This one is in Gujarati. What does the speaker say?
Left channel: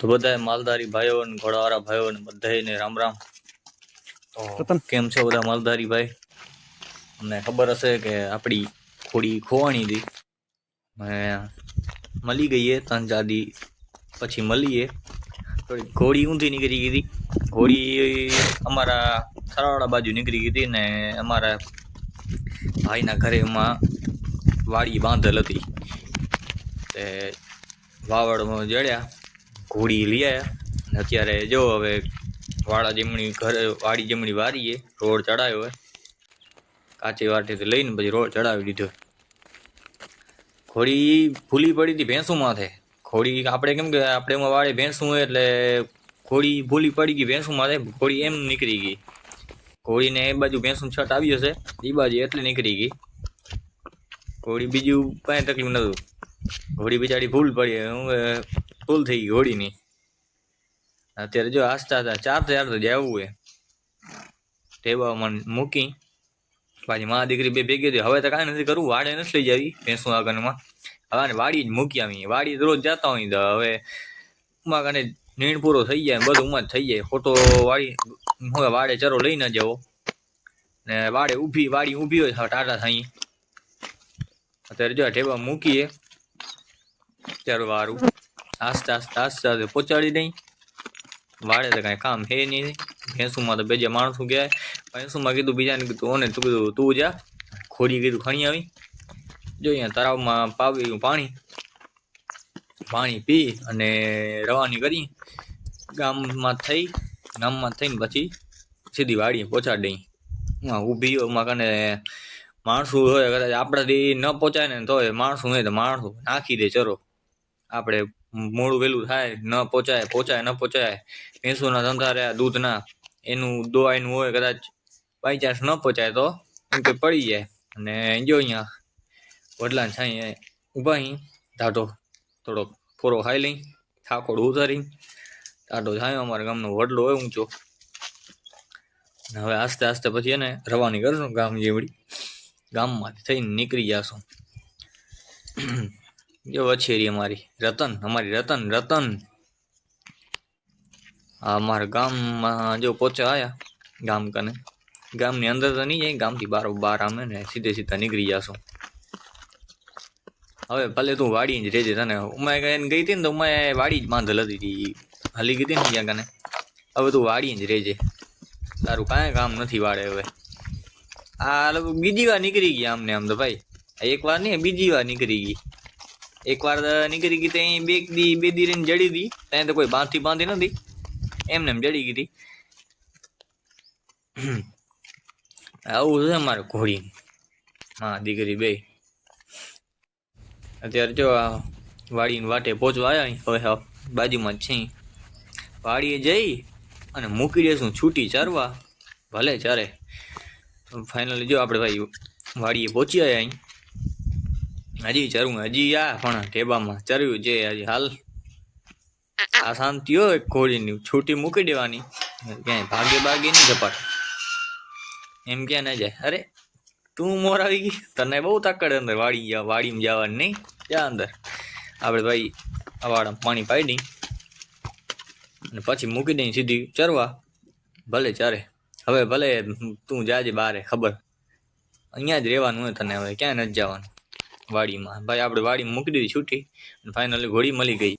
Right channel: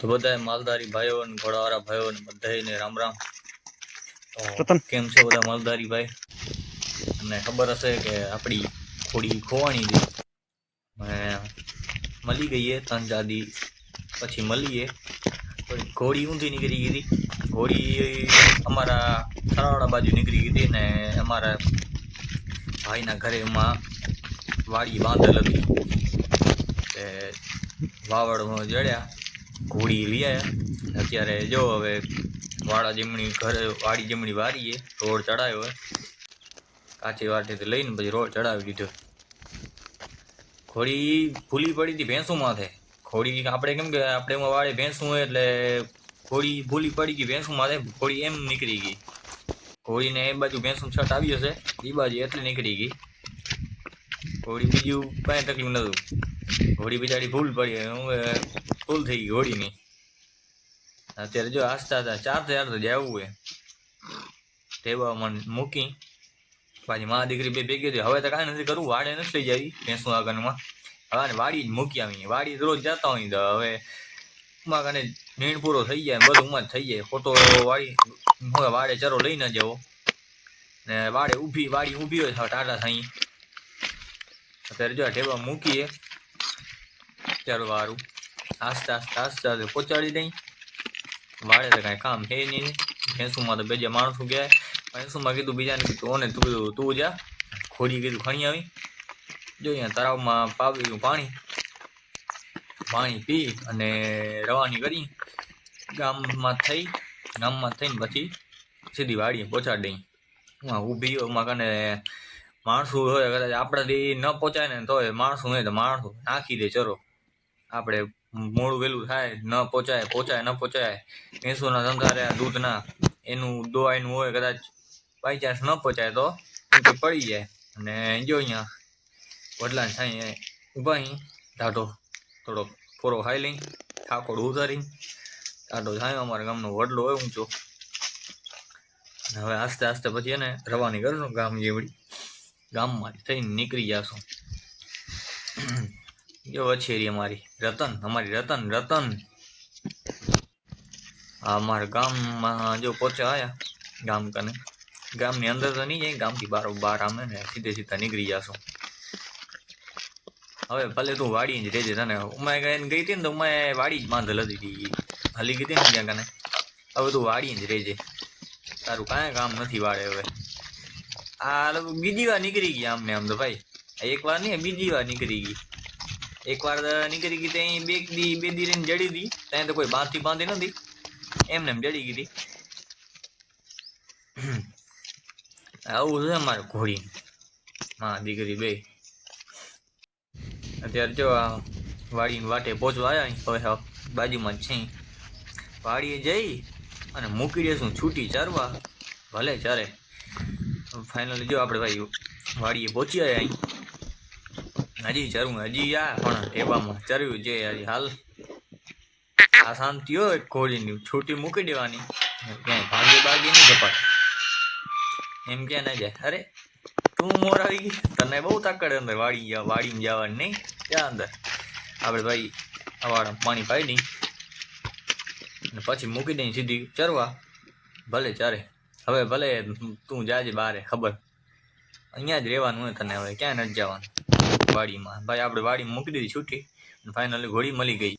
તો બધા માલધારી ભાઈઓ અને ઘોડાવાળા ભાઈઓ ને બધાને રામ રામ. તો કેમ છે બધા માલધારી ભાઈ? અને ખબર હશે કે આપણી થોડી ખોવાણી હતી. મળી ગઈ એ ત્રણ ચાર દી પછી મળીએ. થોડી ઘોડી ઊંધી નીકળી ગઈ હતી. ઘોડી અમારા થરાવાડા બાજુ નીકળી ગઈ હતી ને અમારા ભાઈના ઘરે એમાં વાડી બાંધેલ હતી. વાવડમાં જડ્યા. ઘોડી લઈ આવ્યા અત્યારે જો હવે વાડા જમણી ઘરે, વાડી જમણી વારીએ, રોડ ચડાવ્યો કાચી વાટીથી લઈને પછી રોડ ચડાવી દીધો. ઘોડી ભૂલી પડી હતી ભેંસું માથે. ઘોડી આપણે કેમ કે આપણે એમાં વાડે ભેંસું હોય એટલે ઘોડી ભૂલી પડી ગઈ ભેંસું માથે. ઘોડી એમ નીકળી ગઈ. ઘોડીને એ બાજુ ભેંસું છટ આવી હશે. એ બાજુ એટલી નીકળી ગઈ. ઘોડી બીજું કાંઈ તકલીફ નહોતું. ઘોડી બિચારી ભૂલ પડી. હું ભૂલ થઈ ગઈ હોળીની. અત્યારે જો આસ્તા હતા, ચાર ચાર તો જવું એ મને મૂકી, પાછી મા દીકરી બે ભેગી હતી. હવે તો કાંઈ નથી કરવું, વાડે નથી લઈ જાવી ભેંસું આગળમાં હવે વાડી જ મૂકી આવી વાડી રોજ જતા હોય તો હવે ઉમા કાને નીણ પૂરો થઈ જાય બધું ઉમા થઈ જાય. ખોટો વાડી હવે વાડે ચરો લઈ ન જવો ને વાડે ઊભી, વાડી ઊભી હોય ટાટા થઈ અત્યારે જો ટેબા મૂકીએ, ત્યારે વારું. આસ્તે આસ્તે આસ્તે આસ્તે પહોંચાડી દઈ. વાડે તો કાંઈ કામ હે નહીં. ભેંસુમાં તો બે માણસો ગયા. ભેંસુમાં કીધું બીજાને કીધું, ઓને તું કીધું, તું જા. ખોડી કીધું ખણી આવી. જો અહીંયા તળાવમાં પાવ્યું પાણી. પાણી પી અને રવાની કરી. ગામમાં થઈ, ગામમાં થઈને પછી સીધી વાડીએ પહોંચાડી દઈ. ઊભી એમાં કને માણસો હોય, કદાચ આપણાથી ન પહોંચાય ને તોય માણસો હોય તો માણસો નાખી દે ચરો. આપણે મોડું વહેલું થાય, ન પહોંચાય પહોંચાય ન પહોંચાય ભેંસોના ધંધા રહ્યા, દૂધના. એનું દોવાઈનું હોય કદાચ બાય ચાન્સ ન પહોંચાય તો કે પડી જાય. અને જો અહીંયા, વડલાને સાંઈ ઊભા અહીં ધાટો થોડોક ફોરો ખાઈ લઈ ઠાકોર ઉતારી ધાટો થાય, અમારા ગામનો વડલો હોય ઊંચો. હવે આસ્તે આસ્તે પછી એને રવાની કરશું ગામ જેવડી. ગામમાં થઈને નીકળી જાશું. જો વછેરી અમારી. રતન અમારી રતન રતન. અમારા ગામમાં જો પહોંચ્યા આયા, ગામ કને. ગામની અંદર તો નહીં જાય, ગામથી બાર બાર આમે ને સીધે સીધા નીકળી જાશું. હવે ભલે તું વાડી જ રહેજે તને. ઉમાય એને ગઈ હતી ને તો ઉમાય વાડી જ બાંધેલ હતી હલી ગઈ ને ત્યાં કને. હવે તું વાડી જ રહેજે. તારું કાંઈ કામ નથી વાડે હવે. આ લોકો બીજી વાર નીકળી ગયા આમને આમ તો ભાઈ. એક વાર નહીં, બીજી વાર નીકળી ગઈ. એક વાર નીકળી ગઈ ત્યાં બે દી બે દી રહીને જડી હતી ત્યાં તો કોઈ બાંધથી બાંધી નથી એમને એમ જડી ગઈ હતી. આવું છે મારે ઘોડી. હા, દીકરી બે. અત્યારે જો આ વાડીને વાટે પહોંચવા આવ્યા હવે બાજુમાં જ છે વાડીએ જઈ અને મૂકી દેશું. છૂટી ચારવા. ભલે ચારે. ફાઇનલી જો આપણે ભાઈ વાડીએ પહોંચી આવ્યા અહીં. હજી ચરવું હજી આ પણ ટેબામાં ચર્યું છે, હજી હાલ આ શાંતિ હોય ઘોડીની છૂટી મૂકી દેવાની. ક્યાંય ભાગે ભાગે નહીં જપાત એમ ક્યાં ના જાય. અરે, તું મોર આવી ગઈ. તને બહુ તાકડ અંદર વાડી જા વાડીમાં જવાની નહીં? ક્યાં અંદર. આપણે ભાઈ અવાડા પાણી પાઈ દઈ. અને પછી મૂકી દઈ સીધી ચરવા. ભલે ચારે. હવે ભલે તું જાજે બારે, ખબર. અહીંયા જ રહેવાનું હોય તને હવે ક્યાં નથી જવાનું. વાડીમાં. ભાઈ આપણે વાડીમાં મૂકી દીધી છૂટી ફાઇનલી ઘોડી મળી ગઈ.